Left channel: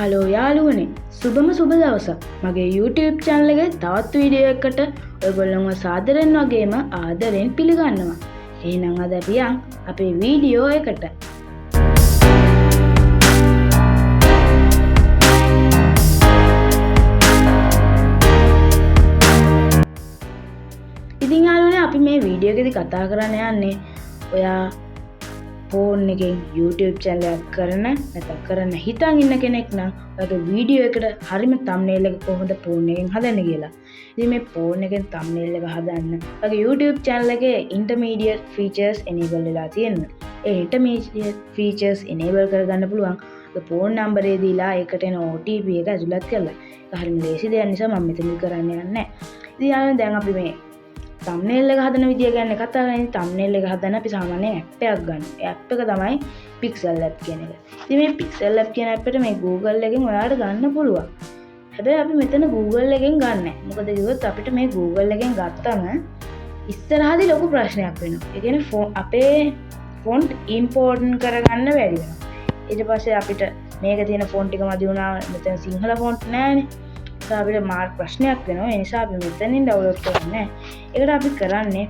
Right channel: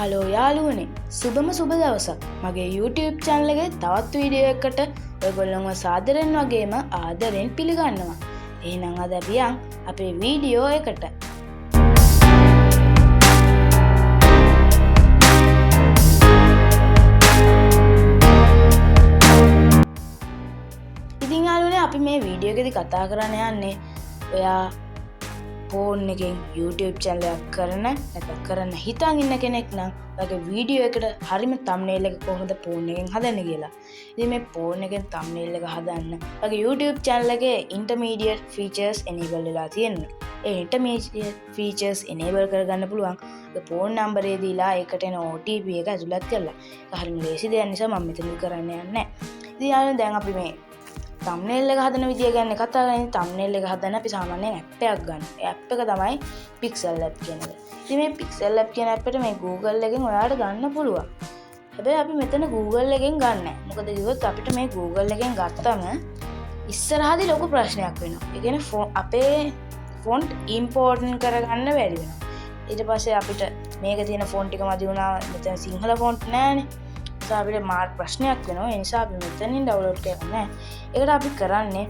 Hello යාළුවනේ සුබම සුබ දවසක් මගේ YouTube channel එකේ තවත් වීඩියෝ එකකට ඔයගොල්ලන්ව සාදරයෙන් වගේම ආදරෙන් පිළිගන්නවා. එහෙනම් අද අපි අපේ වීඩියෝ එකට. ඉතින් යාළුවනේ අපි මේ වීඩියෝ එකේදී කතා කරන්න යන්නේ ඔයා ෆෝන් එකෙන් YouTube channel එකක් කරන්න හිතන් ඉන්න කෙනෙක් නම් ඔයාගේ වීඩියෝ එකට හරියම thumbnail එක කොහොමද ෆෝන් එකෙන් හදන්නේ කියලා. ඉතින් මේ ෆෝන් එකෙන් thumbnail එක හදන්න ඔයාගේ YouTube channel එකේ intermediate features enable වෙලා තියෙනවා. ඒ intermediate features enable කරගන්න පුළුවන් ඔය ෆෝන් number එක දීලා ඒකට එන OTP එක ඇතුළත් කරලා. ඒක හරියම ලේසි දෙයක් නිසා මම මෙතන කරන්න යන්නේ නැහැ. ඉතින් දැන් අපි මේ thumbnail එක හදන විදිය ගැන කතා කරන්නේ. thumbnail එක හදන්න අපි සාමාන්‍යයෙන් app එකක් ගන්න. ඒ app එක තමයි Pixel Lab කියන එක. ඉතින් මේ Pixel Lab කියන app එකට මේ Google එකෙන් ඔයාලට ගන්න පුළුවන්. හැබැයි අපි මෙතන Google එකෙන් ගන්න නැහැ. මොකද කිව්වොත් අපිට මේ Google එකෙන් ගත්තම ඉස්සරහදී ලොකු ප්‍රශ්නයක් වෙනවා. ඒ කියන්නේ අපේ font import කරගන්න බැරි වෙනවා. ඊට පස්සේ අපිට මේක තියෙන font එක මදි වුණා. මෙතන සිංහල font නැහැනේ. අපිට මාර්ක් ප්‍රශ්නයක් වෙනවා. ඒ නිසා අපි මෙතනින් ඩවුන්ලෝඩ් කරන්නේ. ඒකට අපි කරන්නේ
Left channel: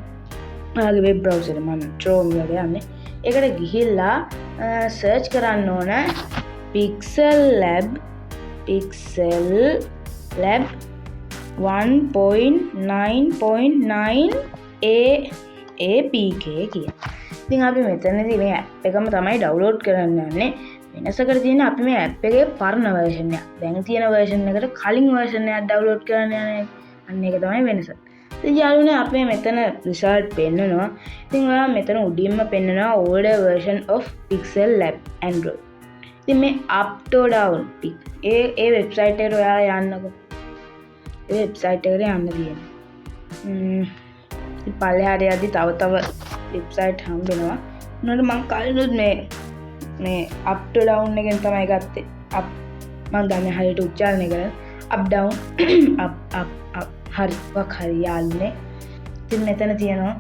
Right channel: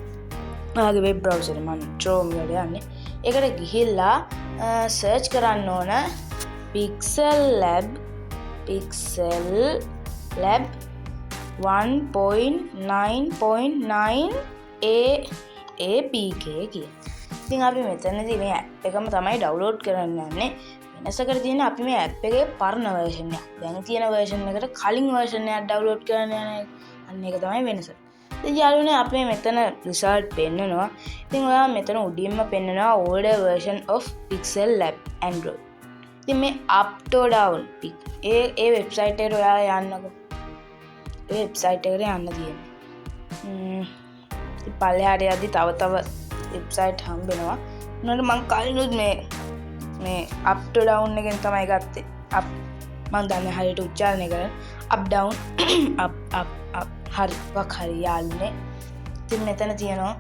ඔයාගේ වෙබ් බ්‍රවුසර් එක මම Chrome එකට යන්නේ. ඒකට ගිහිල්ලා සර්ච් කරන්න ඕන Pixel Lab 1.9.9 APK කියලා. ඉතින් අපි මෙතනදී මේ app එකම තමයි ඩවුන්ලෝඩ් කරන්න යන්නේ. වෙනසකට තියෙන අපි මේ app එකේ පරණ version එක. දැන් තියෙන version එකට කලින් version එකක් download කරන්න යන්නේ. අන්න ඒක තමයි වෙනස. ඉතින් යාළුවනේ අපි මෙතන result පෙන්නනවා. ඉතින් ඔයා මෙතන උඩින්ම පෙන්නනවා older version of Pixel Lab Android. ඉතින් මේ up to down A website එකට ඔයා යන්නකෝ. ඒ website එකට යන්න තියෙන්නේ. පල්ලෙහාට යද්දි තව website හම්බ වෙනවා. උනට මම කලිනුත් මේ up to down එකෙන් තමයි ගත්තේ. up මම දන්නේ හරියට උච්චාරණය කරන්න. up down හරි යාළුවනේ. ඉතින් මෙතන තියෙනවා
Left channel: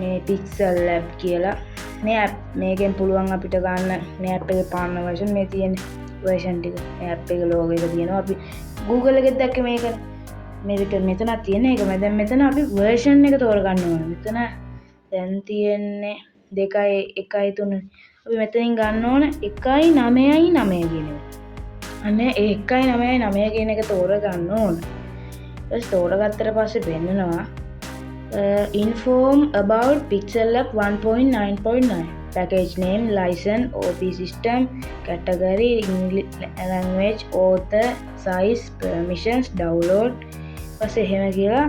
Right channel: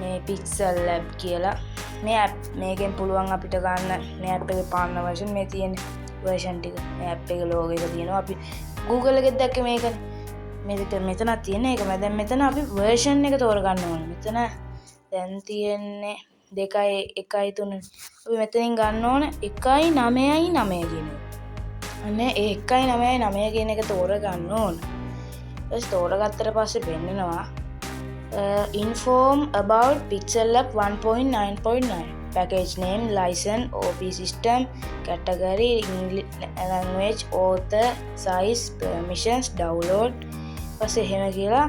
මේ Pixel Lab කියලා. මේ app මේකෙන් පුළුවන් අපිට ගන්න මේ app එකේ පාන්න version මේ තියෙන version ටික. මේ app එකේ logo එක තියෙනවා. අපි Google එකෙත් දැක්කේ මේකනේ. මේක මෙතන තියෙන එක. දැන් මෙතන අපි version එක තෝරගන්න ඕනේ. මෙතන දැන් තියෙන්නේ 2.1.3 අපි මෙතනින් ගන්න ඕන 1.9.9 කියන එක. අන්න ඒ 1.9.9 කියන එක තෝරගන්න ඕන. ඊට තෝරගත්තට පස්සේ වෙන්නනවා inform about Pixel Lab 1.9.9 package name license OP system category English language author size permissions download පස්සේ එහෙම කියලා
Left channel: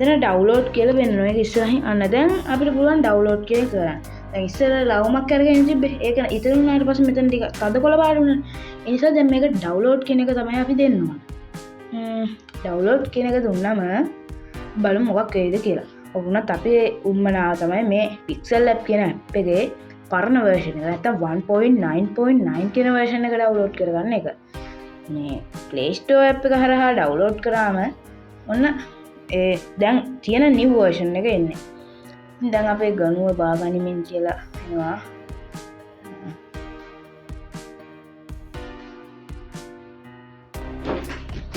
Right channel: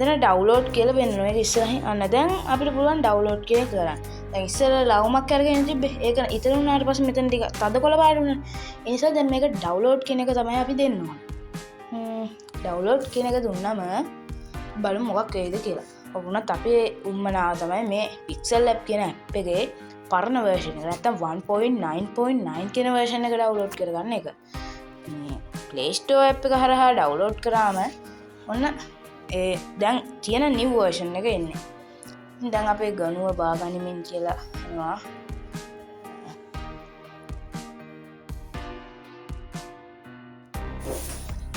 දැන් ඩවුන්ලෝඩ් කියලා වෙනවා. ඒක ඉස්සරහින් අන්න දැන් අපිට පුළුවන් ඩවුන්ලෝඩ් කියලා කරන්න. දැන් ඉස්සර ලවුමක් අරගෙන තිබ්බේ. ඒක ඉතින් උනාට පස්සේ මෙතන ටික තද කොළ පාට වුණා. ඒ නිසා දැන් මේක ඩවුන්ලෝඩ් කියන එක තමයි අපි දෙන්න ඕන. ඩවුන්ලෝඩ් කියන එක දුන්නම බලමු මොකක් වෙයිද කියලා. ඔබුණත් අපි උම්මනාව තමයි මේ Pixel Lab කියන app එකේ පරණ version එක නැත්තම් 1.9.9 කියන version එක ඩවුන්ලෝඩ් කරගන්න එක. මේ Play Store app එක හරහා ඩවුන්ලෝඩ් කරාම ඔන්න දැන් තියෙන new version එක එන්නේ. දැන් අපේ ගණුව බාගනිමින් කියලා එනවා.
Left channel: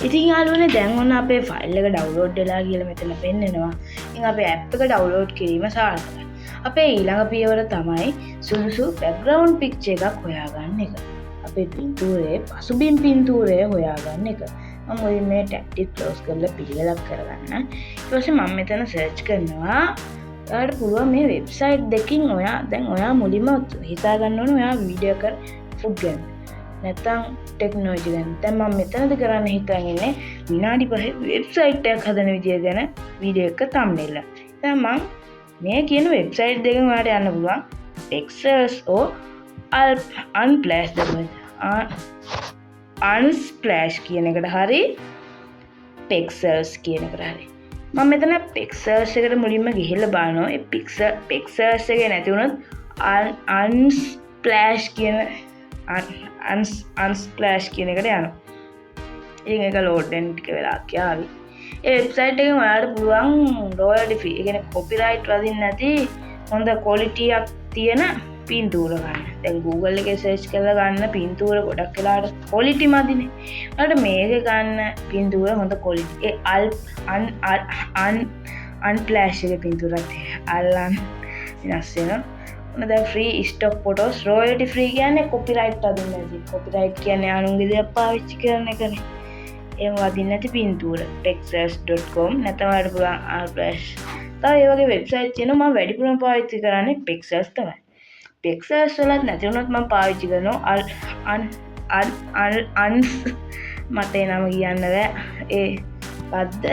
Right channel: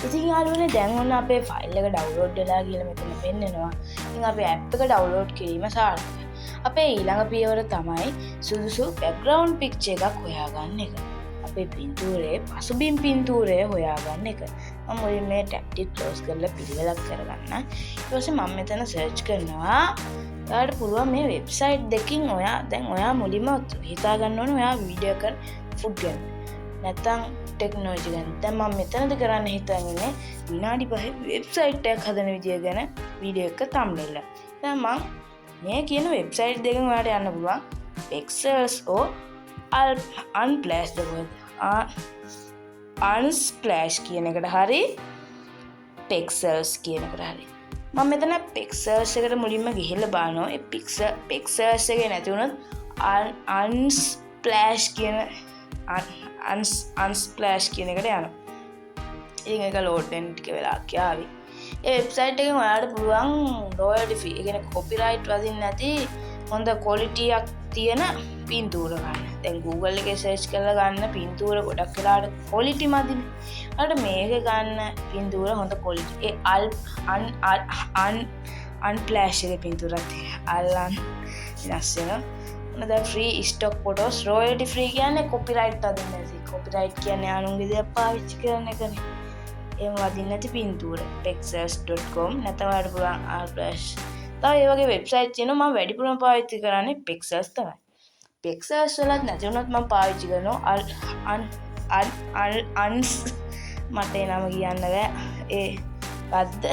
ඉතින් යාළුවනේ දැන් ඔන්න අපේ ෆයිල් එක ඩවුන්ලෝඩ් වෙලා කියලා මෙතන පෙන්නනවා. ඉතින් අපේ app එක ඩවුන්ලෝඩ් කිරීම සාර්ථකයි. අපේ ඊළඟ පියවර තමයි සුදුසු background picture එකක් හොයාගන්න එක. අපේ පින්තූරයේ පසුබිම් පින්තූරය හොයාගන්න එක. මම මුලින්ම මේ ටැබ් එක ක්ලෝස් කරලා පිළිවෙලක් කරගන්න. ඊට පස්සේ මම මෙතන සර්ච් කරනවා. ඔයාලට පුළුවන් මේ වෙබ්සයිට් දෙකකින් ඔයා මුලින්ම හිතා ගන්න ඕනේ ඔයා වීඩියෝ කර ෆුඩ් ගැන. නැත්තම් ටෙක්නොලොජි ගැන. දැන් මම මෙතනද කරන්න හිතන් ඉන්නේ විනාඩි 5 වෙබ්සයිට් එකක් හදන විදිය ගැන වීඩියෝ එක thumbnail එක. දැන් මම මේ කියන වෙබ්සයිට් දෙකෙන් ඔයාලට යන්න පුළුවන්. Pexels or unsplash කියන එකට හරි Pexels කියන එකට හරි. මම මෙතන Pexels එකට මුලින්ම ගිහිල්ලා බලනවා. ඒ Pexels එකේ නැති වුණොත් unsplash කියන එකට යනවා. ඒක load වෙන්න ටික වෙලාවක් යාවි. ඒ වෙබ්සයිට් එකෙන් ඔයාලට පුළුවන් royalty fee, ඒ කියන්නේ copyright වදින්න නැති හොඳ කොලිටියක් තියෙන පින්තූර ගන්න. දැන් Google එකේ සර්ච් කරලා ගන්න පින්තූර ගොඩක් වෙලාවට කොලිටි මදිනේ. ඊට මේක ගන්න පින්තූර හොඳ කොලිටි. ඒ අන්ෆ්ලෑෂ් එකේ පින්තූරක් තියෙනවා. අල්ලන් වෙනස් වෙනවා. මොන දැන් free stock photos royalty free කියන්නේ කොපිරයිට් අදින්න නැති. කොපිරයිට් කියන්නේ අනුන්ගේ දේවල් පාවිච්චි කරන එකනේ. එහෙම වදින්න නැති පින්තූර. pexels.com නැත්නම් වලට පුළුවන් අල්ෆ්ලෑෂ්. තව ඒ වගේ වෙබ්සයිට් තියෙනවා මම වැඩිපුරම පාවිච්චි කරන්නේ pexels තමයි. pexels වලත් නැති වුණොත් මම පාවිච්චි කරනවා අන්ස් මට ඒ නම කියන්න බෑ. ඒ පද්ද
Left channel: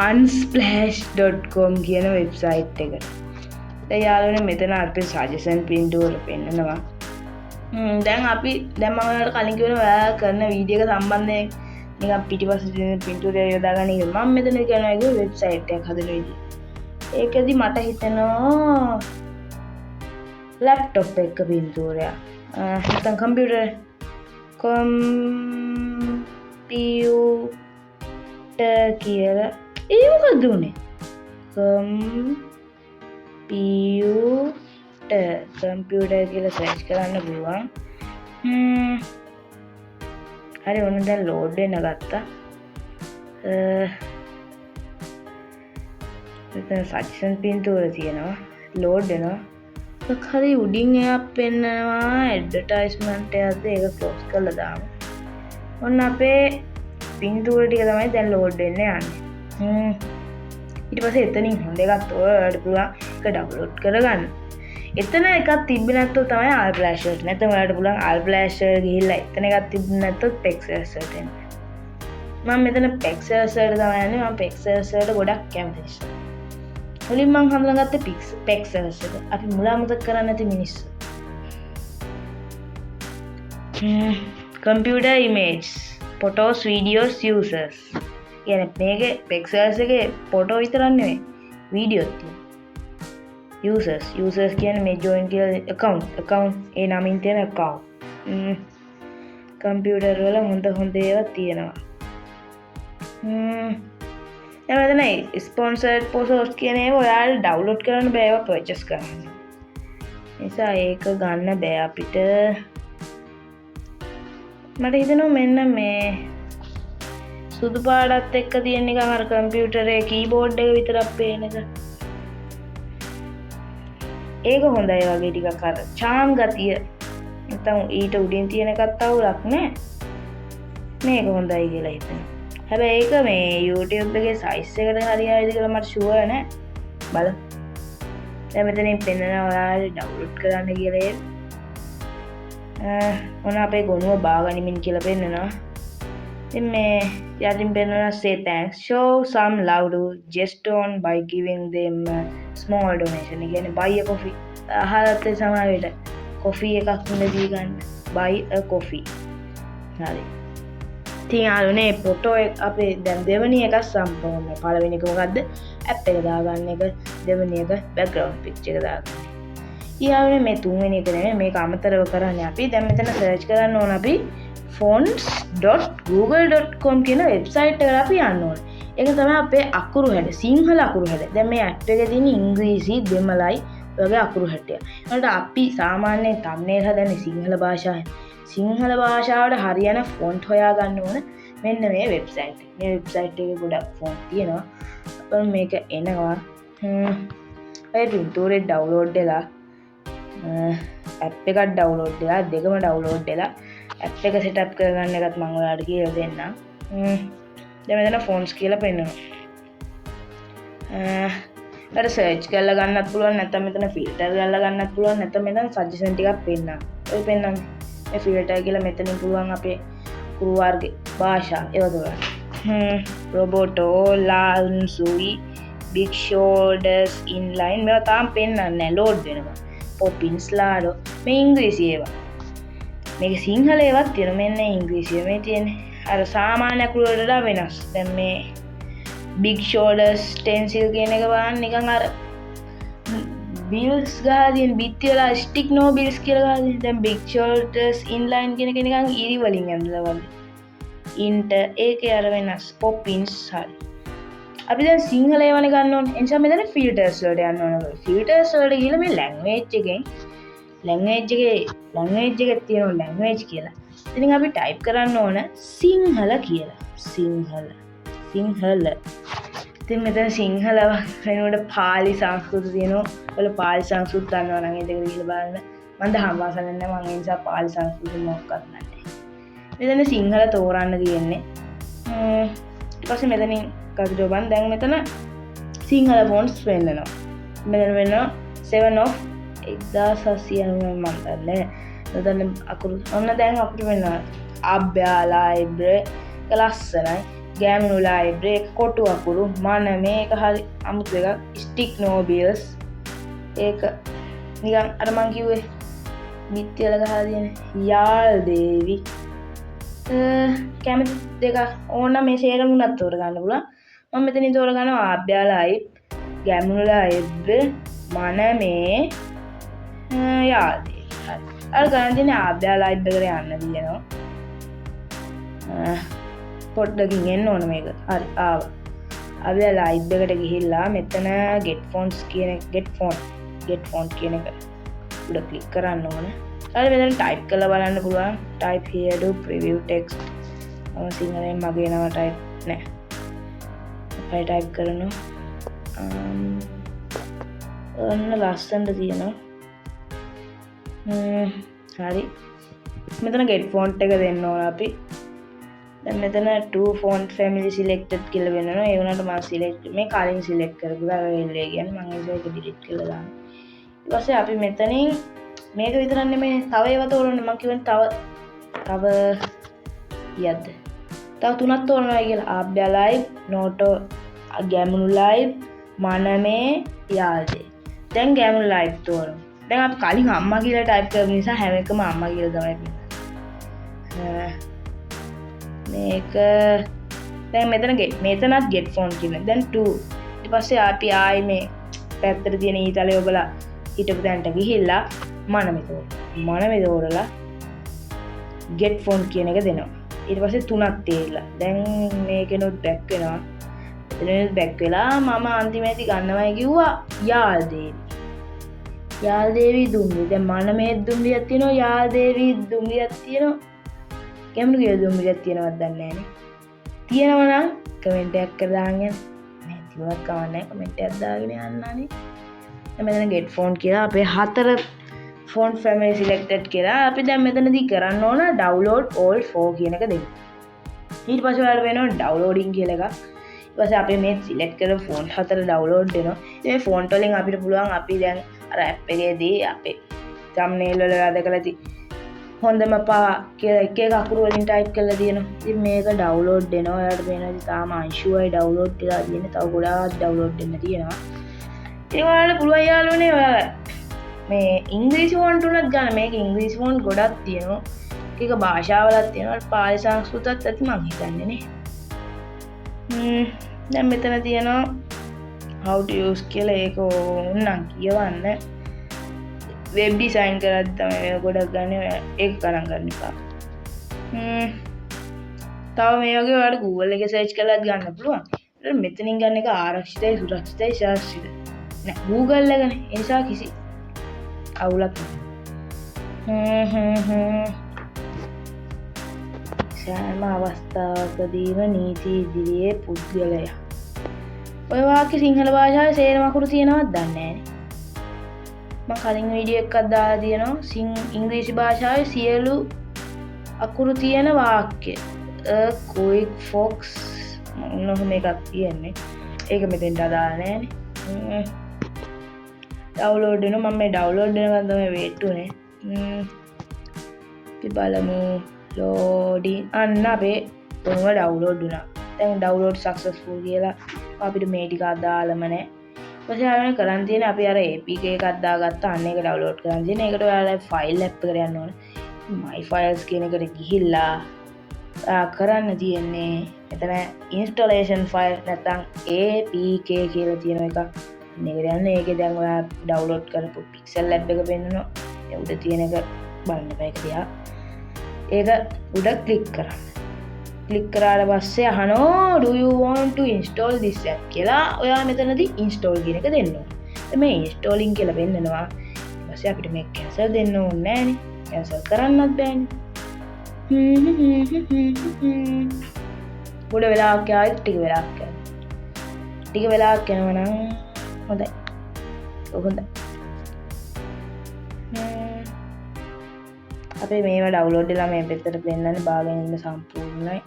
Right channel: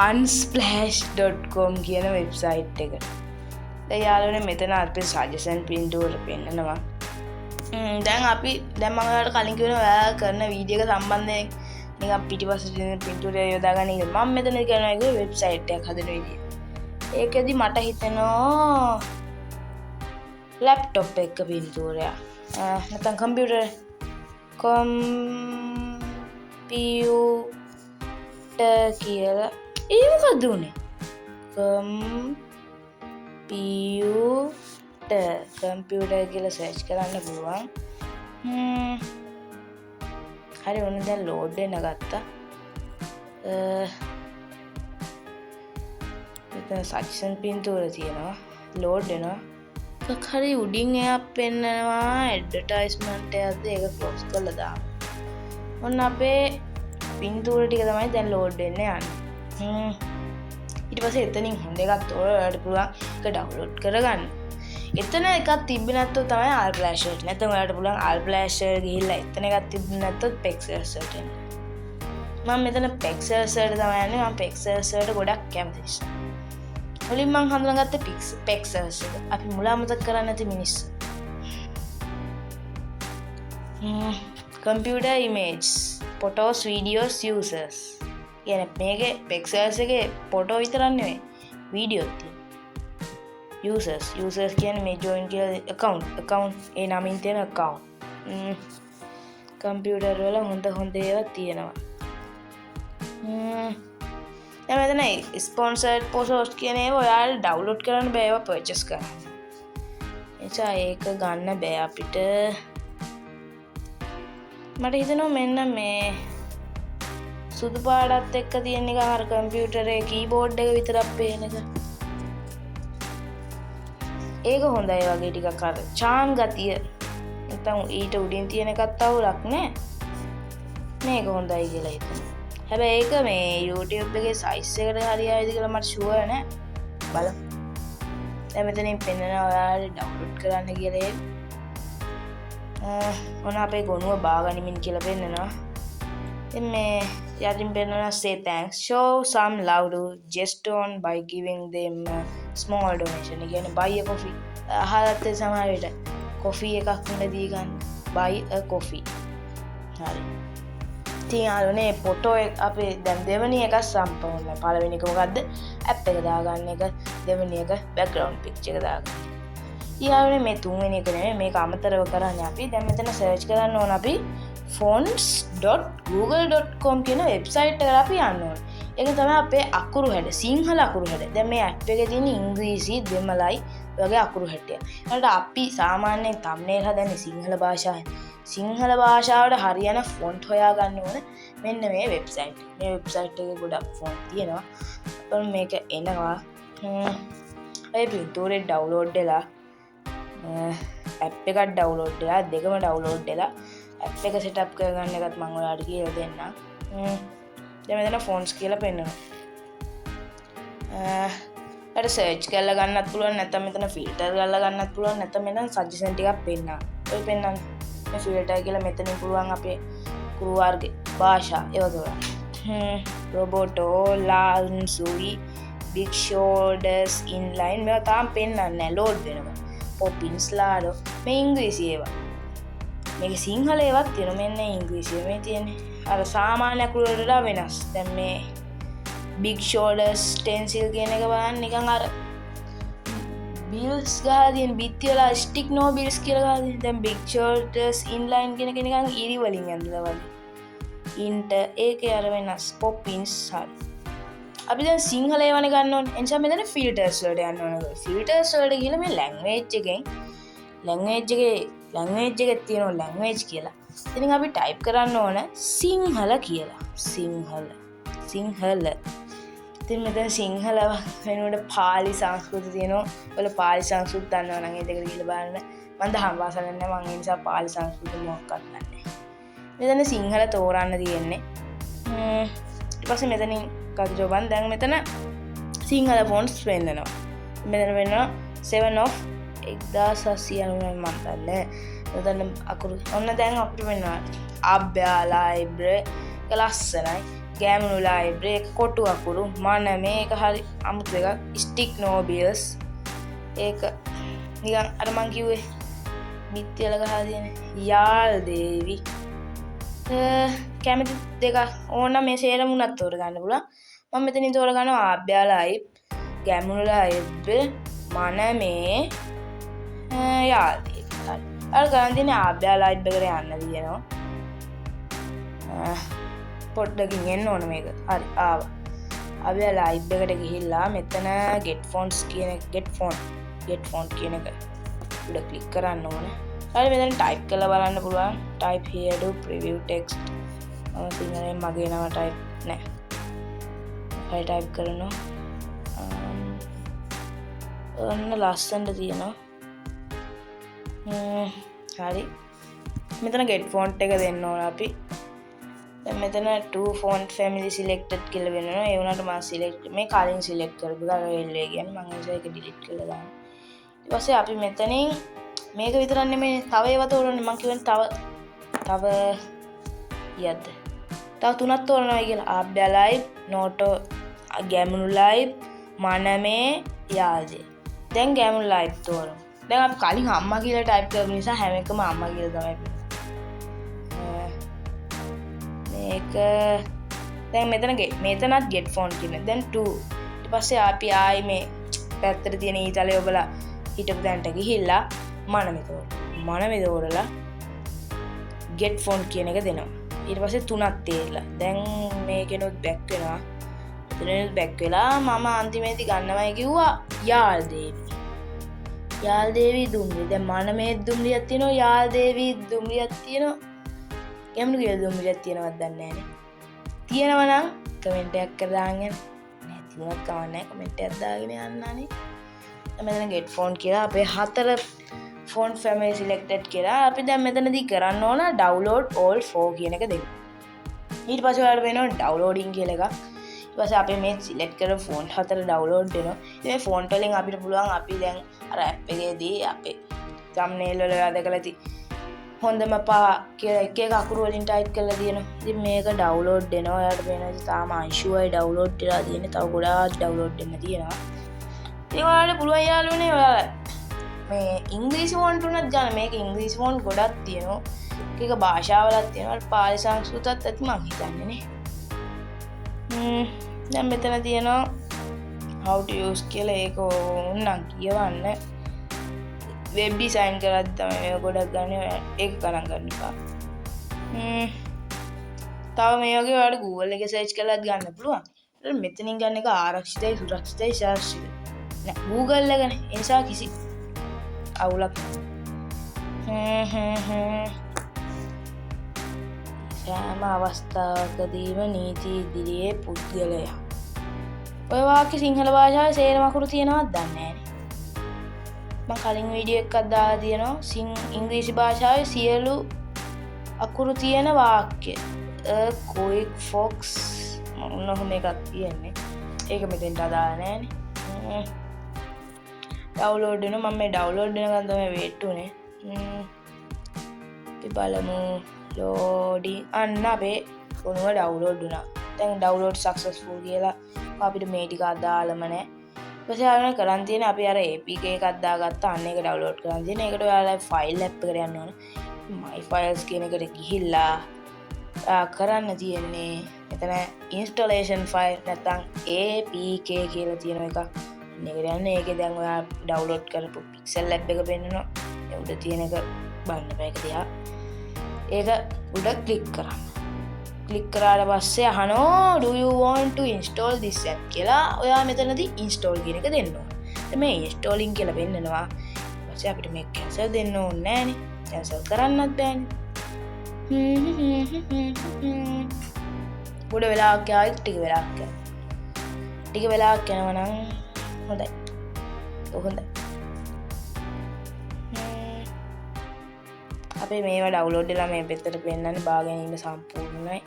unsplash.com කියන වෙබ්සයිට් එක. ඒ යාළුවනේ මෙතන අපි සජෙෂන් පින්තූර පෙන්නනවා. දැන් මම ඔයාලට කලින් කිව්වා ඔයා කරන වීඩියෝ එක සම්බන්ධයෙන් නිකන් පිටිපස්සේ තියෙන පින්තූරය යොදා ගන්න ඉතින් මම මෙතන කියනවා ඒක වෙබ්සයිට් එකක් හදන විදිය. ඒකෙදි මට හිතෙනවා ලැප්ටොප් එක පින්තූරයක්. නැත්නම් කම්පියුටර් කියලා ඒ මොකද්ද උනේ? කම්පියුටර් කියලා සර්ච් කරන්න පුළුවන්. හරි ඔන්න දැන් ලෝඩ් වෙන ගත්තා. මෙතන සජෙෂන් පින්තූර තියෙනවා. ලෝඩ් වෙනවා. එකක් හරි උඩින් එයක් පෙන්නනවා ඇඩ්වර්ටයිස්මන්ට් එකක්ද ඒක ක්ලෝස් කරලා දාමු. ඔන්න අපේ පින්තූර ටික තමයි දැන් ලෝඩ් වෙන්න යන්නේ. ඊට පස්සේ එතනින් හොඳ එකක් ඔයාලට පුළුවන් ඒක ඩවුන්ලෝඩ් කරගන්න. එතන එකක් තිබ්බේ නැත්නම් තමයි අල්ෆ්ලෑෂ් එකට. නැත්නම් ඔයාලට පුළුවන් අල්ෆ්ලෑෂ් එකට ගිහිල්ලා එතන එකක් තිබ්බේ නැත්නම් pexels එකට එන්න. මම මෙතන pexels එකට තමයි යන්නේ. මම pexels එකට ගොඩක් කැමති නිසා. මුලින් මම හඳුනාගත්තේ pexels එක. අපි මුලා මතක කරන්නේ නැති මිනිස්සු. computer image photos videos users. කියන්නේ මේකේ pexels එකේ ෆොටෝ විතරක් නෙවෙයි වීඩියෝත් තියෙනවා. users කියන්නේ මේ join කියලා account ඒ නමින් තියෙන account. කම්පියුටර් වල හොඳ ඒවා තියෙනවා. දැන් මෙතන sponsored posts කියන ඒවා ඔයාලා download කරන්න බෑ ඒවා purchase කරන්න. එනිසා ඒක ගන්න බෑ අපිට. මට හිතෙනවා මෙන්න මේ සුදු පාටත් එක්ක තියෙන නිකන් අර කම්පියුටරේ කීබෝඩ් එක විතරක් පේන එක. ඒක හොඳයි වගේ ටිකක් අර charm ගතිය. නැත්නම් ඊට උඩින් තියෙන එකත් අවුලක් නෑ. මේක හොඳයි කියලා හිතෙනවා. හැබැයි ඒක මේ YouTube එකේ size එකට හරියයිද කියලා මට sure නෑ. බලමු. දැන් මෙතනින් පෙන්නනවා ඔයාලා download කරන්න කියලා ඒක. ඔන්න අපේ ගොනුව බාගනිමින් කියලා පෙන්නනවා. ඉතින් මේ යටින් පෙන්නනවා say thanks, show some love to Jestone by giving them a small donation. කියන්නේ buy a coffee. අහලත් සමහර විට coffee එකක් මිලදී ගන්න. buy a coffee. හරි. ඉතින් යාළුවනේ ෆොටෝ එක අපේ දැන් දෙවෙනි එක සම්පූර්ණ. පළවෙනි එක මොකද්ද? ඇප් එක දාගන්න එක. දෙවෙනි එක background picture එක දාගන්න. ඊළඟට මේ තුන්වෙනි එක නෙමෙයි මේක අමතරව කරන්නේ අපි දැන් මෙතන සර්ච් කරන්න ඕන අපි fonts.google.com කියන වෙබ්සයිට් එකට අපි යන්න ඕන. ඒක තමයි අපේ අකුරු හැඩ සිංහල අකුරු හැඩ. දැන් මේ ඇප් එකේ තියෙන ඉංග්‍රීසි දෙමළයි වගේ අකුරු හැඩය. ඒකට අපි සාමාන්‍යයෙන් thumbnail හදන්නේ සිංහල භාෂාවෙන්. සිංහල භාෂාවට හරියන ෆොන්ට් හොයාගන්න ඕන මෙන්න මේ වෙබ්සයිට්. මේ වෙබ්සයිට් එකේ ගොඩක් ෆොන්ට් තියෙනවා. මේක එනවා. ඒ පින්තූරේ ඩවුන්ලෝඩ් වෙලා ඇප් එකක් ඩවුන්ලෝඩ් වෙලා දෙකම ඩවුන්ලෝඩ් වෙලා ඇප් එක සෙටප් කරගන්න එකත් මම ඔයාලට කියලා දෙන්නම්. දැන් මෙතන ෆොන්ට්ස් කියලා පෙන්නනවා. අර සර්ච් කරලා ගන්නත් පුළුවන් නැත්නම් මෙතන ෆිල්ටර් කරලා ගන්නත් පුළුවන් නැත්නම් මෙතන සජෙෂන් ටිකක් පෙන්නනවා. ඔය පෙන්නන්නේ මේ ෆිල්ටර් කියලා මෙතනින් පුළුවන් අපේ කුරු වර්ගේ භාෂා ඒවා දාන්න. රොබෝටෝ ලාන්සුයි big shoulders inline මේවා තාම පෙන්නන්නේ නැහැ ලෝඩ් වෙනවා. poppins ලාඩෝ මේ ඉංග්‍රීසි ඒවා. මේක සිංහල ඒවත් තියෙනවා. මෙන්න ඉංග්‍රීසිය මේ තියෙන්නේ. අර සාමාන්‍ය අකුරු වලට වෙනස්. දැන් මේ big shoulders stencil කියන එක බලන්න නිකන් අර bills ගහලා තියෙන බිත්ති වල stick no bills කියලා ගහලා තියෙන. දැන් big shoulders inline කියන එක නිකන් ඊරි වලින් ඇඳලා වගේ. int ඒකේ අර වෙනස් poppins හරි. අපි දැන් සිංහල ඒවන ගන්න ඕනේ. ඒ නිසා මෙතන ෆිල්ටර්ස් වලට යන්න ඕනේ. ෆිල්ටර්ස් වලට ගිහලා මේ ලැන්ග්වේජ් එකෙන් ලැන්ග්වේජ් එකේ තියෙන ලැන්ග්වේජ් කියලා. ඉතින් අපි ටයිප් කරන්න ඕන සිංහල කියලා. සිංහල. ඉතින් මෙතන සිංහල වෙනුවට පාලි සංස්කෘත තියෙනවා. ඔයාල පාලි සංස්කෘත දන්නවා නම් ඒක ගිහලා බලන්න. මම දහම් පාසල නැහැ මම ඒ නිසා පාලි සංස්කෘත මොකක්වත් නැහැ. මෙතන සිංහල තෝරන්න තියෙන්නේ. ඊට පස්සේ මෙතනින් කඩේ බන් දැන් මෙතන සිංහල ෆොන්ට්ස් වෙන්නනවා. මෙතන වෙනවා 7 of 1799 මම දන්නේ. මෙතන අකුරු ඔන්න දැන් අපිට වෙනවා අභ්‍යා ලයිබ්‍රරි ලස්සනයි. ගෑමුණු ලයිබ්‍රරි කොටු අකුරු මන මේක හරි අමුතු එකක්. ස්ටික් නෝබියස් ඒක නිකන් අර මං කිව්වේ මිත්‍යල ගහලා තියෙන යාල් දේවි කැමති දෙක ඕන මේ සේරම උනත් තෝරගන්න පුළුවන්. මම මෙතනින් තෝරගන්නවා ආභ්‍යා ලයිබ් ගෑමුණු ලයිබ්‍රරි මන මේ යාල් දේවි. අර ගන්න තියෙන ආභ්‍යා ලයිබ් එකට යන්න තියෙනවා. පොඩ්ඩකින් එන්න ඕන මේක. හරි ආව. අපි ලයිබ් එකට ගිහිල්ලා මෙතන get fonts කියන get font කියන එක උඩ ක්ලික් කරන්න ඕන. ඊට මෙතන ටයිප් කරලා බලන්න පුළුවන්. type here to preview text. මම සිංහලෙන් මගේ නම ටයිප් නෑ. හරි ටයිප් කරනවා. ඔන්න ලස්සනට තියෙනවා. හරි. මෙතන get font එක දෙන්න ඕන අපි. දැන් මෙතන to font family selected කියලා වෙනවා. ඒ වුණාට මම select මේ කලින් select කරපු ගාලේ කියන්නේ මම ඒක delete කරලා දානවා. ඊට පස්සේ අපි මෙතනින් මේක විතරක් නෙමෙයි තව ඒවා තෝරන්නේ. මම කියන්නේ තව යද්ද. තව තුනක් තෝරනවා කියලා. ආභ්‍යා ලයිබ්, නෝටෝ ගෑමුණු ලයිබ්, මනමේ යාල්දේ. දැන් ගෑමුණු ලයිබ් තෝරමු. දැන් අපි කලින් අම්මා කියලා ටයිප් කරපු නිසා හැම එකම අම්මා කියලා තමයි මේක දැන් මෙතනත් get font කියන. දැන් 2. ඊට පස්සේ අපි ආයේ මේ පැත්තට තියෙන ඊතලේ ඔබලා හිටපු දැන්ට ගිහිල්ලා මනමේ තෝරලා get font කියන එක දෙනවා. ඊට පස්සේ 3ක් තියලා. දැන් මේකෙනුත් back වෙනවා. එතනත් back වෙලා මම අන්තිමේදී ගන්නවයි කිව්වා යාල් දේවි දුම්රිය. දැන් මනමේ දුම්රියක් තියෙනවා. යාල් දේවි දුම්රියක් තියෙනවා. කැමති කියලා දුම්රියක් තියෙනවද දන්නේ නැහැ. තියෙනවා නම් කමෙන්ට් එකක් කරලා දාන්න. නැහැ තියුණත් කවන්නේ කමෙන්ට් එකක් දාගෙන යන්නනේ. මෙතන get font කියලා අපේ 4 font family selected කියලා අපි දැන් මෙතනදී කරන්න ඕන download all 4 කියන එක දෙන්න. ඊට පස්සේ ඔයාලට වෙනවා downloading කියලා එකක්. ඊට පස්සේ අපි මේ select කරන font 4 download වෙනවා. මේ font වලින් අපිට පුළුවන් අපි දැන් අර app එකේදී අපේ thumbnail වල වැදගලා හොඳම පා කියලා එක අකුරු වලින් ටයිප් කරලා තියෙනවා. ඉතින් මේක ඩවුන්ලෝඩ් වෙනවා. ඔයාලට මේනදී තාම අංශුවයි ඩවුන්ලෝඩ් වෙලා තියෙන්නේ. තව ගොඩාක් ඩවුන්ලෝඩ් වෙන්න තියෙනවා. ඉතින් ඔයාලට පුළුවන් යාළුවනේ ඔයාලා මේ ඉංග්‍රීසි ෆොන්ට් උනත් ගන්න. මේක ඉංග්‍රීසි ෆොන්ට් ගොඩක් තියෙනවා. එක භාෂාවලක් තියෙනවා. පාලි සංස්කෘතත් ඇති මං හිතන්නේ නේ. දැන් මෙතන තියෙනවා how to use කියලා ඒක උන්නම් කියවන්න. වෙබ් ඩිසයින් කරද්දි තමයි මේක ගොඩක් ගන්න. ඒක ගණන් ගන්න එපා. තව මේ වගේ ඔයාලට Google එකේ සර්ච් කරලාත් ගන්න පුළුවන්. මෙතනින් ගන්න එක ආරක්ෂිතයි සුරක්ෂිතයි ශාස්ත්‍රීය. නෑ Google එකනේ. ඒ නිසා කිසි අවුලක් නෑ. සෑම අවස්ථාවකදීම නීති ඉදිරියේ පුද්ගලයා. ඔය වාක්‍ය සිංහල භාෂාවේ සේරම අකුරු තියෙනවද දන්නේ නෑනේ. මම කලින් වීඩියෝ එකක් දාලා තියෙනවා ඉංග්‍රීසි භාෂාවේ සියලු අකුරු තියෙන වාක්‍ය. quick fox මොනවද මේකක් කියන්නේ. ඒක මෙතෙන්ට දාලා නෑනේ. ඩවුන්ලෝඩ් වෙනවා. මම මේ ඩවුන්ලෝඩ් වෙනකන් තමයි වේට් උනේ. අපි බලමු loading අන්න අපේ තුනම ඩවුන්ලෝඩ් වුණා. දැන් ඩවුන්ලෝඩ් සක්සස්ෆුල් කියලා අපිට මේ ටික අදාළම නෑ. ඊපස්සේ ආයෙත් කරන් තියෙන අපි අර APK එකක් දාගත්තා. අන්න ඒක ඩවුන්ලෝඩ් කරන් තියෙන. ඒකට ඔයාලා ෆයිල් ඇප් එකට යන්න ඕන. my files කියන එකට ගිහිල්ලා කරන්න තියෙන්නේ මෙතන installation file නැත්නම් APK කියලා තියෙන එක. මේකට යන්න. ඒකේ දැන් ඔයා ඩවුන්ලෝඩ් කරපු pixel lab එක පෙන්නනවා. ඒ උඩ තියෙන එක බලන්න මේක දිහා. ඒක උඩ ක්ලික් කරන්න. ක්ලික් කරාට පස්සේ අහනවා do you want to install this app කියලා. ඔයා මෙතනදී install කියන එක දෙන්න ඕනේ. මේ installing කියලා වෙන්නනවා. ඊට පස්සේ අපිට මේක cancel දෙන්න ඕනේ නෑනේ. cancel කරන්නත් බෑනේ. පොඩ වෙලාවක් යාවි ටික වෙලාවක් යනවා නම් හොඳයි. අපේ මේවා ඩවුන්ලෝඩ් වෙලා මේ පැත්තට පෙන්නන්නේ බා ගැනීම සම්පූර්ණයි.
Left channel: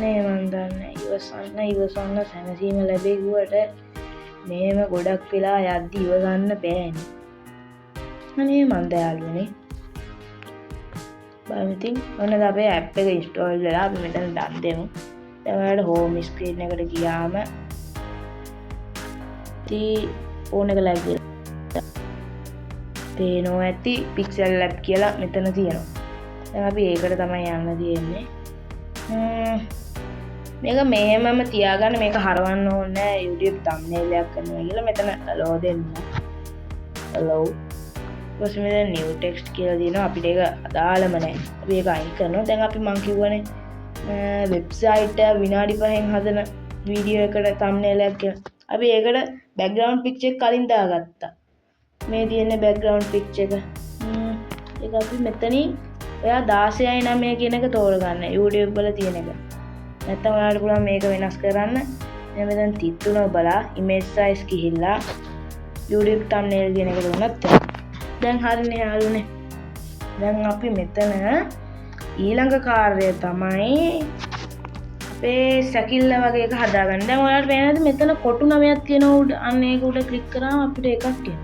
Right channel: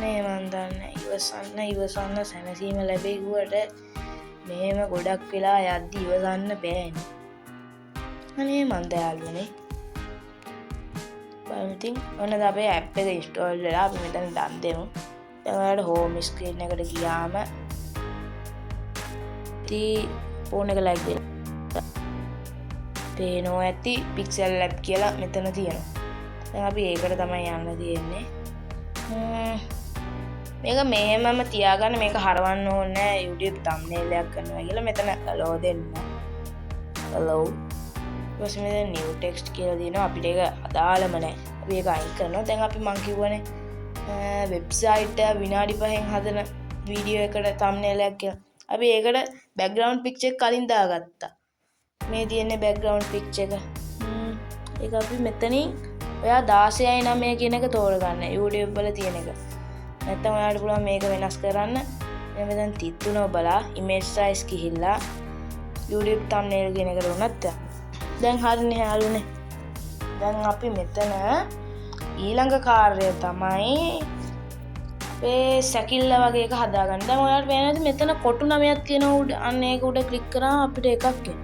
මේ මන් දන්නේ ඉවසන්න සැනසීම ලැබෙගුවට මේම ගොඩක් වෙලා යද්දි ඉවසන්න බෑනේ. අනේ මන් දයාලුනේ. බලමුතින් ඔන්න අපේ ඇප් එක ඉන්ස්ටෝල් වෙලා අපි මෙතන ඩන් දෙමු. දැන් ඔයාලට හෝම් ස්ක්‍රීන් එකට ගියාම ෆෝන් එක ලයිව් කියලා පේනවා ඇති පික්සල් ලැබ් කියලා මෙතන තියෙනවා. දැන් අපි ඒකට තමයි යන්න තියෙන්නේ. මේක මෙහෙමම තියාගන්න. මේක හරවන්න ඕනේ නැහැ. YouTube thumbnail එකක් කරනවා කියලා මෙතන allow දෙන්න. allow ඊපස්සේ මෙතන new text කියලා දිනවා. අපිට ඒක අදාළම නැහැ. අපි ඒක අයින් කරනවා. දැන් අපි මං කියවනේ වෙබ්සයිට් එක විනාඩි 5න් හදන වීඩියෝ එකට thumbnail එකක් කියලා. අපි ඒකට background picture එක කලින් දාගත්තා. මේ තියෙන background picture එක. ඒක අපි මෙතනින් ඔයා 16:9 කියන එක තෝරගන්න. YouTube වල තියෙන එක. නැත්තම් ඔයාලට පුළුවන් මේක වෙනස් කරන්න. මෙතන 33 බලා image size ගිහිල්ලා YouTube thumbnail කියන එකට උනත් දැන් හරිනේ යාළුවනේ. දැන් අපි මෙතන ඊළඟ කාර්යය තමයි අපේ සැකිල්ල වගේ එක හදාගන්න. දැන් ඔයාලට පේනද මෙතන කොටු 9ක් තියෙනවා උඩ. අන්න ඒක උඩ ක්ලික් කරාම අපිට එකක් එනවා.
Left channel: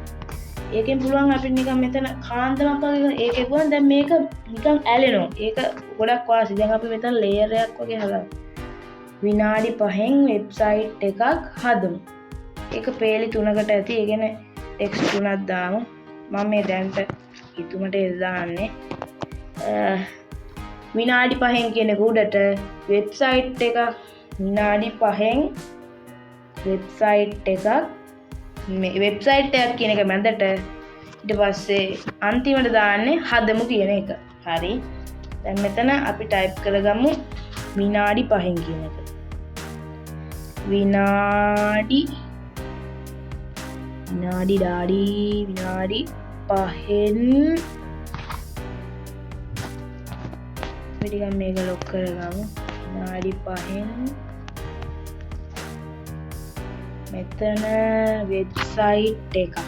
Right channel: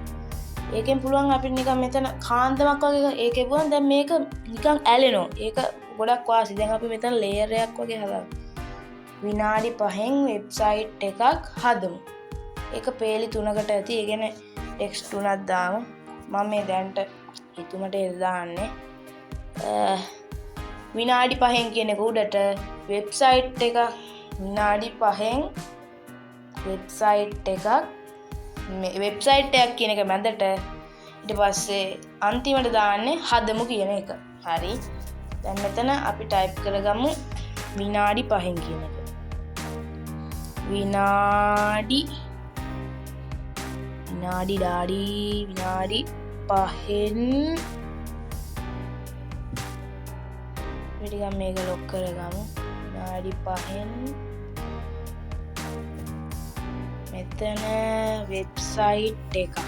ඒකෙන් පුළුවන් අපිට නිකන් මෙතන කාන්දමක් වගේ ඒකේ පුළුවන් දැන් මේක නිකන් ඇලෙනවා. ඒක ගොඩක් වාසි. දැන් අපි මෙතන ලේයර් එකක් වගේ හදාගමු. විනාඩි 5න් වෙබ්සයිට් එකක් හදමු. ඒක පේලි 3කට ඇති. ඒ කියන්නේ ටෙක්ස්ට් 3ක් දාමු. මම මේ දැන්ට ඊතුමට දාන්නේ විනාඩි 5න් කියන එක උඩට වෙබ්සයිට් එක විනාඩි 5න් වෙබ්සයිට් එකක් මේ වෙබ්සයිට් එකක් කියන එක මැදට ඊට පස්සේ අන්තිමට දාන්නේ හදමු කියන එක. හරි. දැන් මෙතන අපි ටයිප් කරගමු විනාඩි 5න් කියන එක. විනාඩි 5න් ටිකක් මේක ලොක් කරගමු. විනාඩි 5න් මෙතන වෙබ්සයිට් එකක්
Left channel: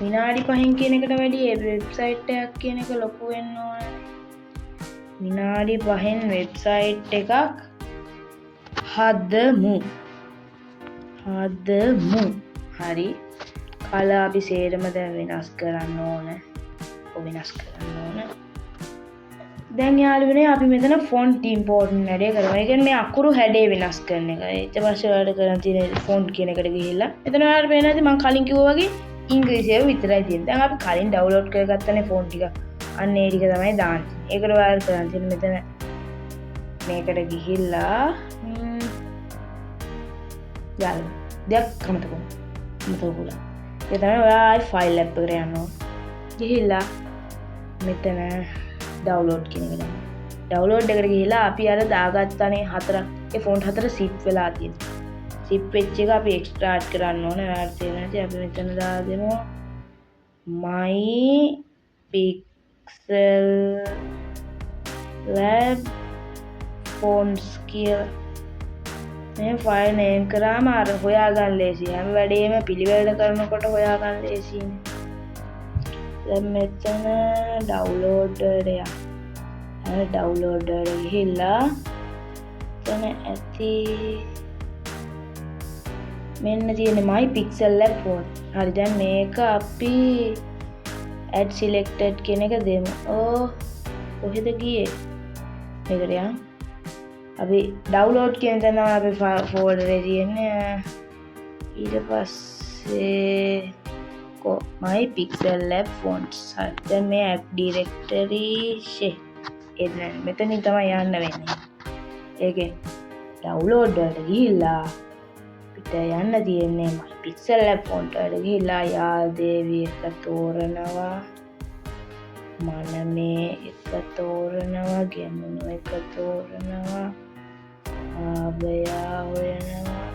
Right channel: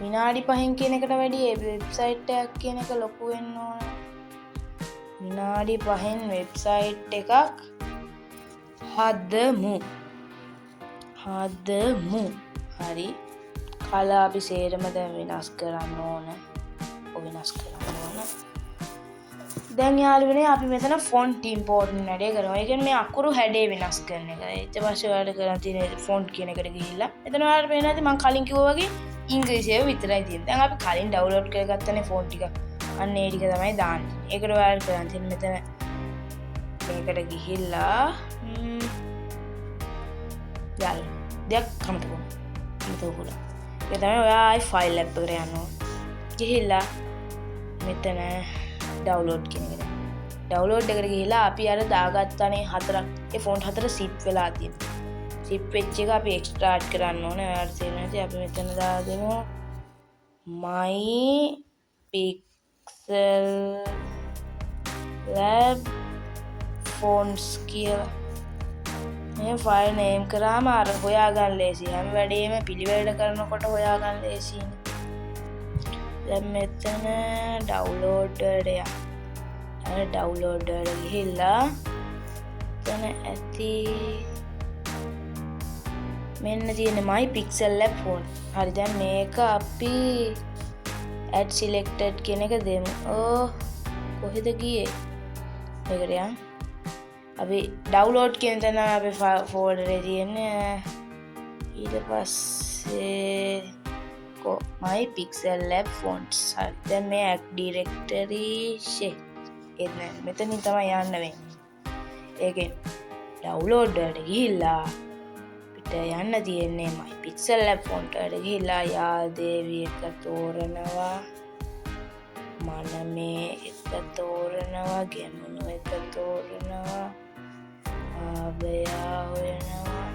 විනාඩි 5න් කියන එකට වැඩිය වෙබ්සයිට් එකක් කියන එක ලොකු වෙන්න ඕනේ. විනාඩි 5න් වෙබ්සයිට් එකක් හදමු. හරි. කල අපි සේරම දැන් වෙනස් කරන්න ඕන. දැන් යාළුවනේ අපි මෙතන ෆොන්ට් ඉම්පෝර්ට් වැඩේ කරමු. ඒ කියන්නේ මේ අකුරු හැඩේ වෙනස් කරන එක. ඊට පස්සේ ඔයාලට කරන් තියෙන ෆොන්ට් කියන එකට ගිහිල්ලා මෙතන ඔයාලට පේනවා ඇති මම කලින් කිව්වා වගේ ඉංග්‍රීසියෙන් විතරයි තියෙන්නේ. දැන් අපි කලින් ඩවුන්ලෝඩ් කරගත්තනේ ෆොන්ට් ටික. අන්න ඒ ටික තමයි දාන්නේ. ඒකට ඔයාලට කරන් තියෙන්නේ මෙතන මේකට ගිහිල්ලා දාන්න. දෙයක් කමතකුණා. ඒ තමයි ඔයා ෆයිල් එකක් එකට යන්න ඕන. ගිහිල්ලා මෙතන ඩවුන්ලෝඩ් කියන එක දාන්න. ඩවුන්ලෝඩ් එකට ගිහිල්ලා අපි අර දාගත්තානේ 4ක් ඒ ෆොන්ට් 4 සිප් වෙලා තියෙනවා. සිප් වෙච්ච එක අපි එක්ස්ට්‍රාක්ට් කරන්න ඕනේ. ඔයාලට තේරෙන්නේ අපි මෙතන දාගෙන my pixel lab fonts කියලා මේ ෆයිල් නේම් කරාම අර හොයාගන්න ලේසියි. හැම වෙලේම පිළිවෙලට කරනකොට හොයාගන්න ලේසියිනේ. දැන් මෙතන ඩවුන්ලෝඩ් එකට යන්න. ඩවුන්ලෝඩ් එකට ගිහිල්ලා එතන ඇති මෙන්න තියෙන my pixel lab font. හරි දැන් මේක අපි add selected කියන එක දෙමු. කොහෙද ගියේ? මේකට යන්න. අපි ඩවුන්ලෝඩ් කියන තැන අපි ෆෝල්ඩර් එකේ තියෙන්නේ. ඊට පස්සේ my Pixel Lab fonts. හරි. දැන් මේ app directory එන්න මෙතනින් තමයි යන්න වෙන්නේ. ඒකෙන් download වලට ගිහිල්ලා අපිට යන්න තියෙන්නේ my Pixel Lab font වලට ගිහිල්ලා යාදේවි එක තෝරනවා. මනමේ එක තෝරනවා. ගැමුණු එක තෝරනවා. ආබයා වෙනවා.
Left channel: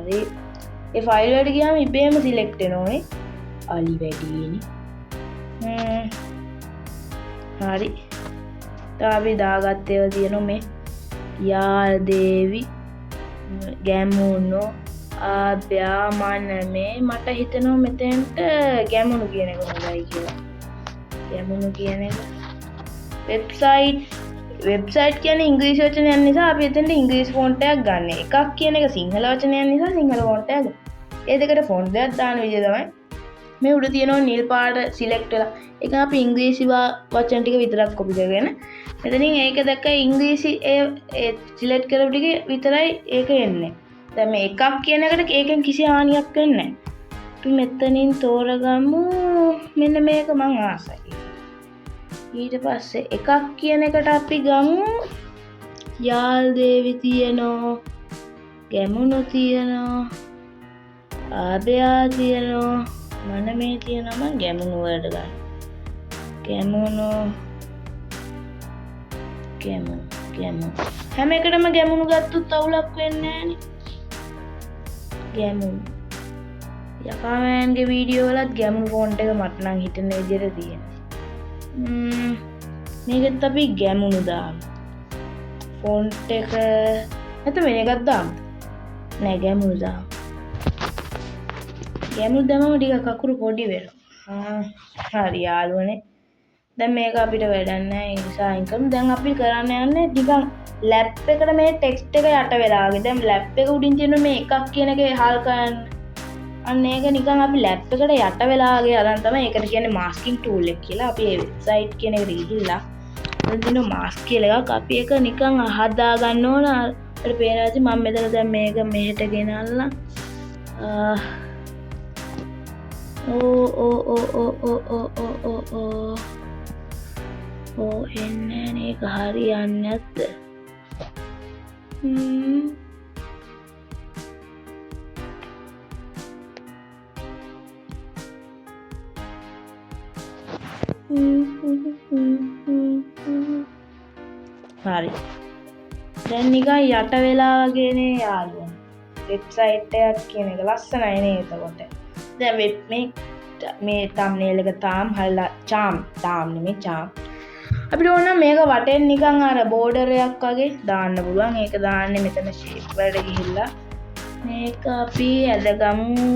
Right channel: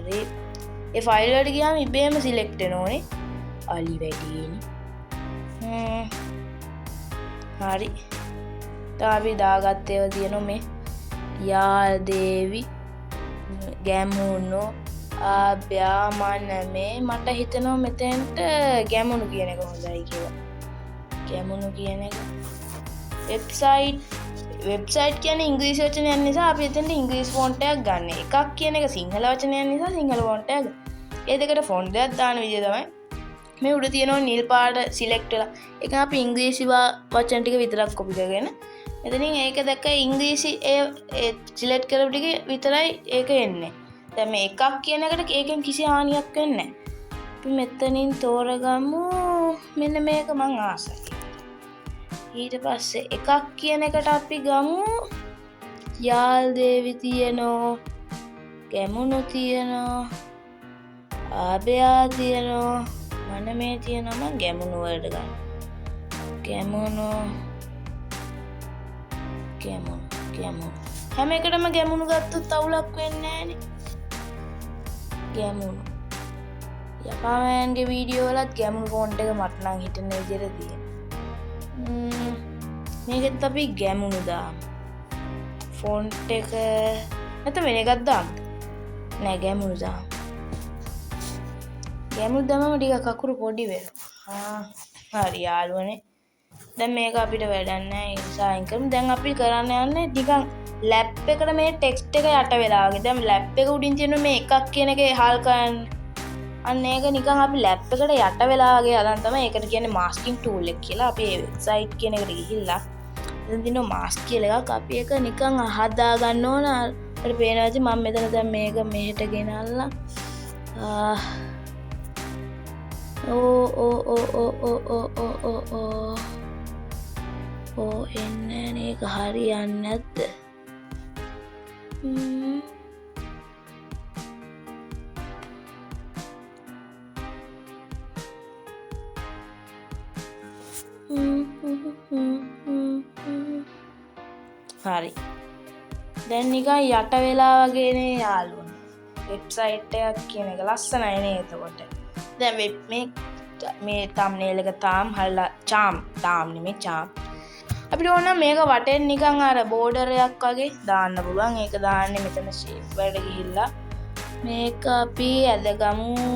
හරි. ඒ ෆයිල් වලට ගියාම ඉබේම සිලෙක්ට් වෙනෝනේ. අලි වැඩිනේ. හරි. අපි දාගත්ත ඒවා තියෙනවා මේ යාදේවි ගැමුණු ආබ්‍යා මනමේ මට හිතෙනවා මෙතෙන්ට ගැමුණු කියන එක හොඳයි කියලා. ගැමුණු කියන එක වෙබ්සයිට් කියන්නේ ඉංග්‍රීසි වචනයක් නිසා අපි එතෙන්ට ඉංග්‍රීසි ෆොන්ට් එකක් ගන්න. එකක් කියන එක සිංහල වචනයක් නිසා සිංහල ෆොන්ට් එකක්. ඒ දෙකට ෆොන්ට් එකක් දාන විදිය තමයි මේ උඩ තියෙනවා නිල් පාට සිලෙක්ට් වෙලා. ඒක අපි ඉංග්‍රීසි වචන ටික විතරක් කොපි කරගෙන මෙතනින් ඒක දැක්ක ඉංග්‍රීසි ඒ සිලෙක්ට් කරපු ටික විතරයි ඒක එන්නේ. දැන් මේ එකක් කියන එකට ඒකෙන් කිසි හානියක් වෙන්නේ නැහැ. අපි මෙතනින් තෝරගමු මෙන්න මේක මං ආසයි. ඊට පස්සේ එකක් කියන එකට අපි ගමු යාල්දේවි තියෙනවා, ගැමුණු තියෙනවා, ආබයා තියෙනවා, මනමේ තියෙනවා. මම ගැමුණු වලට ගන්න. ගැමුණු හැම එකටම ගැමුණු ගත්තොත් අවුලක් වෙන්නේ නැහනේ. ගැමුණු යකාමෑන්ගේ වීඩියෝ වලත් ගැමුණු ෆොන්ට් එක මට නම් හිතෙන විදිහට තියෙනවා. මේකත් අපි ගැමුණු දාමු. ෆොන්ට් එක නැත්නම් වෙන එකක් දාමු. නෑ ගැමුණු දාමු. ගැමුණු දැම්මම ටිකක් අකුරු පොඩි වෙනවා. හරි යාළුවනේ. දැන් මේක අපිට වැඩක් නෑ. ඒ නිසා අයින් කරමු. දැන් අපි කරන්න යන්නේ ටිකක් ලැප් එකට මේ ටෙක්ස්ට් එක යට වෙලා වගේ. දැන් ලැප් එක උඩින් තියෙන මේ එකක් කියන එකේ හල් කරන්න. අන්න ඒක නිකන් අපි ලැප් එකට යට වෙලා වගේ අරන් තමයි ඒකට කියන්නේ මාස්කින් ටූල් එක කියලා. අපි ඒ වෙබ්සයිට් කියන එකට ගිහිල්ලා දැන් තියෙන මාස්ක් කියලා එකක් අපි ඒක නිකන් හදා ගන්න ඕන. අර පේනවාද මම මෙතන දැන් මේක මෙහෙට ගෙනල්ලා එන්නේ නේක හරියන්නේ නැද්ද? හරි. දැන් නිකන් යට වෙලා වගේනේ යාළුවනේ. වෙබ්සයිට් එකක් කියන එක ලස්සනයි නේ එතකොට. දැන් මේ thumbnail එක තාම හරිලා තාම් නෙමෙයි චාම්. අපිට ඕන මේක වටෙන් නිකන් අර බෝඩර් එකක් වගේ දාන්න පුළුවන්. ඒක දාන්නේ මෙතන shape වලට ගිහිල්ලා මේක අපි ඇදගමු.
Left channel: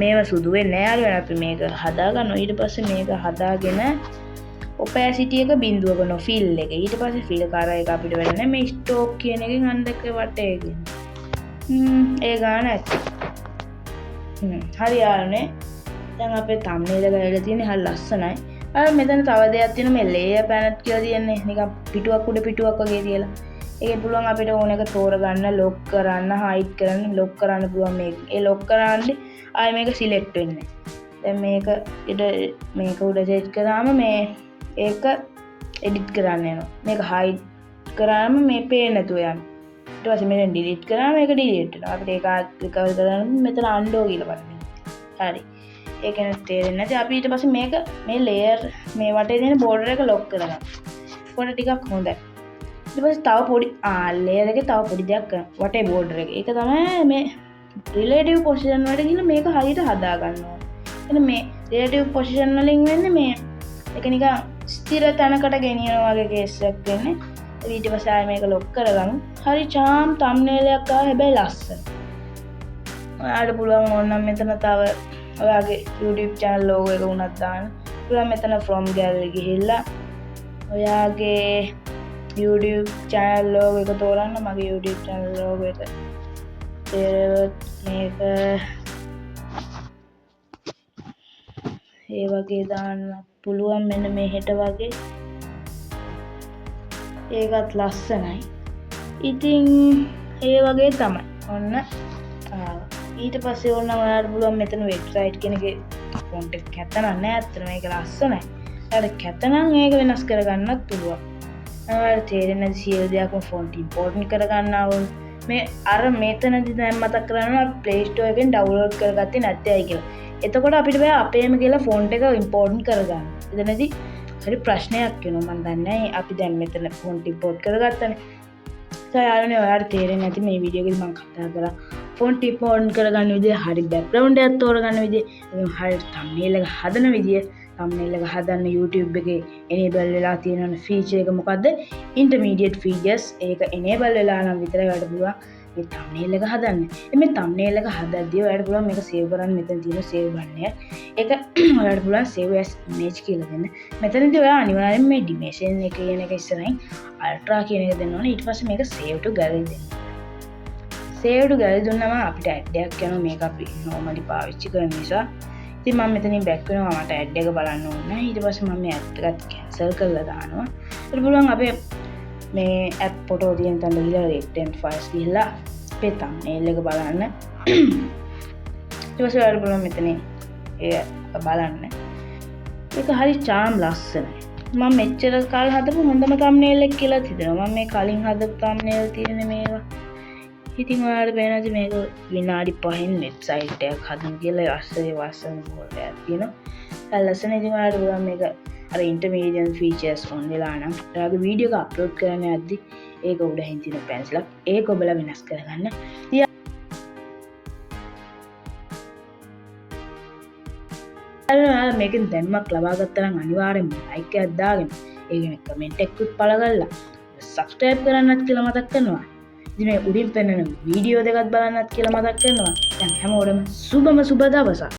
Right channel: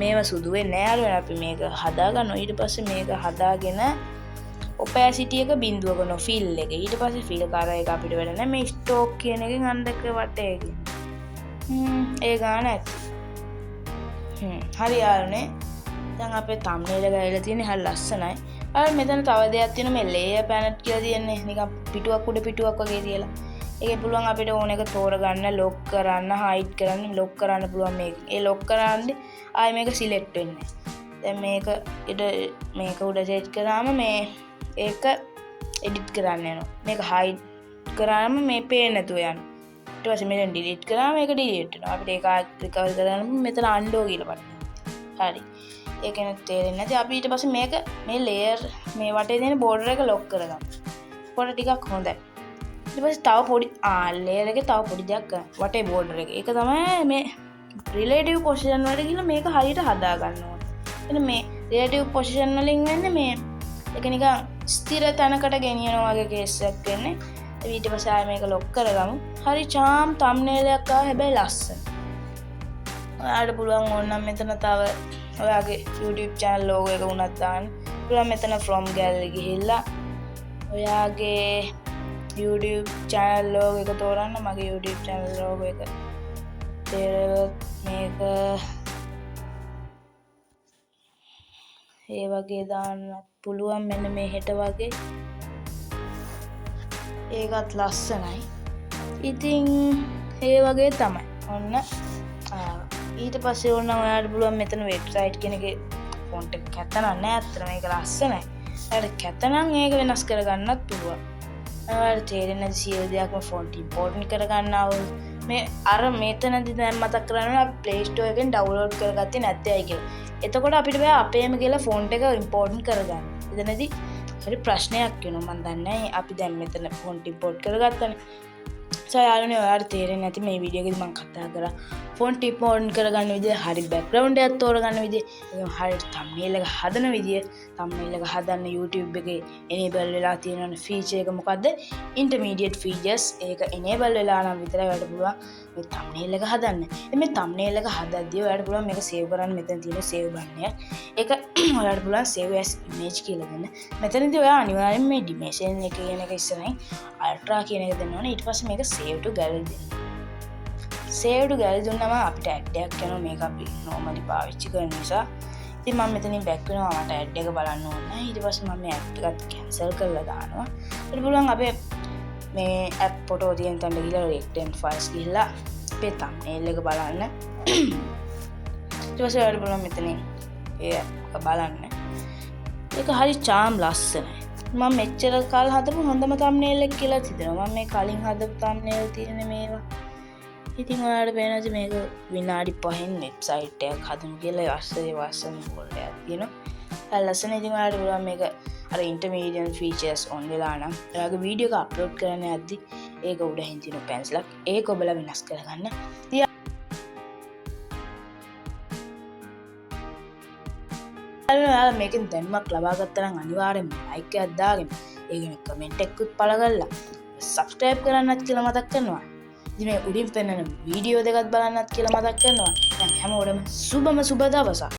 මේව සුදු වෙන්නේ නැහැ යාළුවනේ. අපි මේක හදාගන්නවා. ඊට පස්සේ මේක හදාගෙන opacity එක බිඳුවක නෝ fill එක. ඊට පස්සේ fill කරා එක අපිට වැඩ නැහැ. මේ stroke කියන එකෙන් අන්දක වටේ ගිහින්. ඒ ගාන ඇත්ත. හරි යාළුවනේ. දැන් අපේ thumbnail එක ඇවිල්ලා තියෙන්නේ හරි ලස්සනයි. අර මෙතන තව දෙයක් තියෙනවා මේ layer palette කියලා තියෙන්නේ. නිකන් පිටුවක් උඩ පිටුවක් වගේ තියලා. ඒකේ පුළුවන් අපිට ඕන එක තෝරගන්න, lock කරන්න, hide කරන්න, lock කරන්න පුළුවන් මේක. ඒ lock කරන්නේ ආයෙ මේක select වෙන්නේ. දැන් මේක උඩ set කරාම මේ ඒක edit කරන්න යනවා. මේක hide කරාම මේ පේන්නේ නැතුව යනවා. ඊට පස්සේ මෙතන delete කරාම මේක delete වෙනවා. අපිට ඒක recover කරන්න මෙතන undo කියලා බලන්න. හරි. ඒක නේ තේරෙන්නේ නැති. අපි ඊට පස්සේ මේක මේ layer මේ වටේ තියෙන border එක lock කරගන්න. පොඩ ටිකක් හොඳයි. ඊට පස්සේ තව පොඩි layer එකේ තව පොඩි දෙයක් කරන්න. වටේ border එක. ඒක තමයි මේ relative position වලට ගිහලා මේක හරියට හදා ගන්න ඕනේ. එන්න මේ relative position වලින් වෙන්නේ මේ ඒක නිකන් ස්ථිර තැනකට ගෙනියනවා වගේ කේස් එකක් වෙන්නේ. ඊට පස්සේ ආයෙ මේක lock කරගමු. හරි charm thumbnail එකක් ආවා. හැබැයි ලස්සන. ඔයාලට පුළුවන් ඕනනම් මෙතන තව ඔයාගේ YouTube channel logo එක උනත් දාන්න. පුළුවන් මෙතන from gallery ගිහිල්ලා ඔයාගේ YouTube channel logo එක තෝරන්න. මගේ YouTube channel logo එක මේක ඒ වගේ දාන්න පුළුවන්. මෙන්න මෙහෙට වගේ. ඒකත් ලස්සනයි. ඉතින් ඒ වගේ තමයි. ඔන්න ඊට පස්සේ ඕනනම් ඔයාලට පුළුවන් මෙතන වෙබ්සයිට් කෙනකේ ෆොන්ට් එක කැත නෑ අත්‍තරම ඒක ලස්සනයි. ඔයාලට කැත නම් ඒක වෙනස් කරගන්නත් පුළුවන්. ඔයාලට තේරෙන්නේ නැති සියලු දෙයක්ම ෆොන්ට් ඉම්පෝර්ටන්ට් කරගන්නවා වුණ මේ අර මෙතනදි දැන් මතක් කරගන්නවා Play Store එකෙන් ඩවුන්ලෝඩ් කරගත්තේ නැත්තේ ඇයි කියලා. එතකොට අපිට බෑ අපේම කියලා ෆොන්ට් එක ඉම්පෝර්ටන්ට් කරගන්න. එතනදී හරි ප්‍රශ්නයක් වෙනවා. මම දන්නේ අපි දැන් මෙතන ෆොන්ට් ඉම්පෝර්ට් කරගත්තනේ. යාළුවනේ ඔයාලට තේරෙන්නේ නැති මේ වීඩියෝ එකේ මම කතා කරා ෆොන්ට් ඉම්පෝර්ට් කරගන්න විදිය, හරි බෑග්ග්‍රවුන්ඩ් එකක් තෝරගන්න විදිය, හරි thumbnail එක හදන විදිය, thumbnail එක හදන්න YouTube එකේ enable වෙලා තියෙන feature එක මොකද්ද? intermediate features. ඒක enable වෙලා නම් විතරයි ඔයාලට පුළුවන් මේ thumbnail එක හදන්න. මේ thumbnail එක හදද්දී ඔයාලට පුළුවන් මේක save කරන්න. මෙතන තියෙන save button එක. ඒක ඔයාලට පුළුවන් save as image කියලා දෙන්න. මෙතනදී ඔයා අනිවාර්යෙන් මේ dimension එක කියන එක ඉස්සරහින් ultra කියන එක දෙන්න ඕනේ. ඊට පස්සේ මේක save to gallery දෙන්න. save to gallery දුන්නම අපිට ad එකක් යනවා. මේක අපි normally පාවිච්චි කරන නිසා. ඉතින් මම මෙතනින් back වෙනවා. මට ad එක බලන්න ඕනේ නැහැ. ඊට පස්සේ මම මේ ad එකත් cancel කරලා දානවා. ඊට පුළුවන් අපේ මේ app photo තියෙන තැන ගිහලා recent files ගිහලා අපේ thumbnail එක බලන්න. ඊට පස්සේ ඔයාලට පුළුවන් මෙතනින් ඒ බලන්න. ඒක හරි charm ලස්සනයි. මම මෙච්චර කාල හදපු හොඳම thumbnail එක කියලා හිතනවා. මම මේ කලින් හදපු thumbnail තියෙන මේවා. ඉතින් ඔයාලට පේනවාද මේක විනාඩි 5න් වෙබ්සයිට් එකක් හදමු කියලා අස්සේ වස්සන පොල්ලයක් තියෙනවා. ලස්සන. ඉතින් ඔයාලට පුළුවන් මේක අර intermediate features on වෙලා නම් ඔයාගේ වීඩියෝ එක අප්ලෝඩ් කරන්න යද්දි ඒක උඩින් තියෙන පැන්සලක් ඒක ඔබලා වෙනස් කරගන්න. ඔයාලා මේකෙන් දැනුමක් ලබා ගත්තා නම් අනිවාර්යෙන්ම ලයික් එකක් දාගෙන ඒ කියන්නේ කමෙන්ට් එකකුත් පළ කරලා subscribe කරන්නත් කියලා මතක් කරනවා. ඉතින් මේ උඩින් පෙන්නන වීඩියෝ දෙකක් බලන්නත් කියලා මතක් කරනවා. දැන් හැමෝටම සුබම සුබ දවසක්.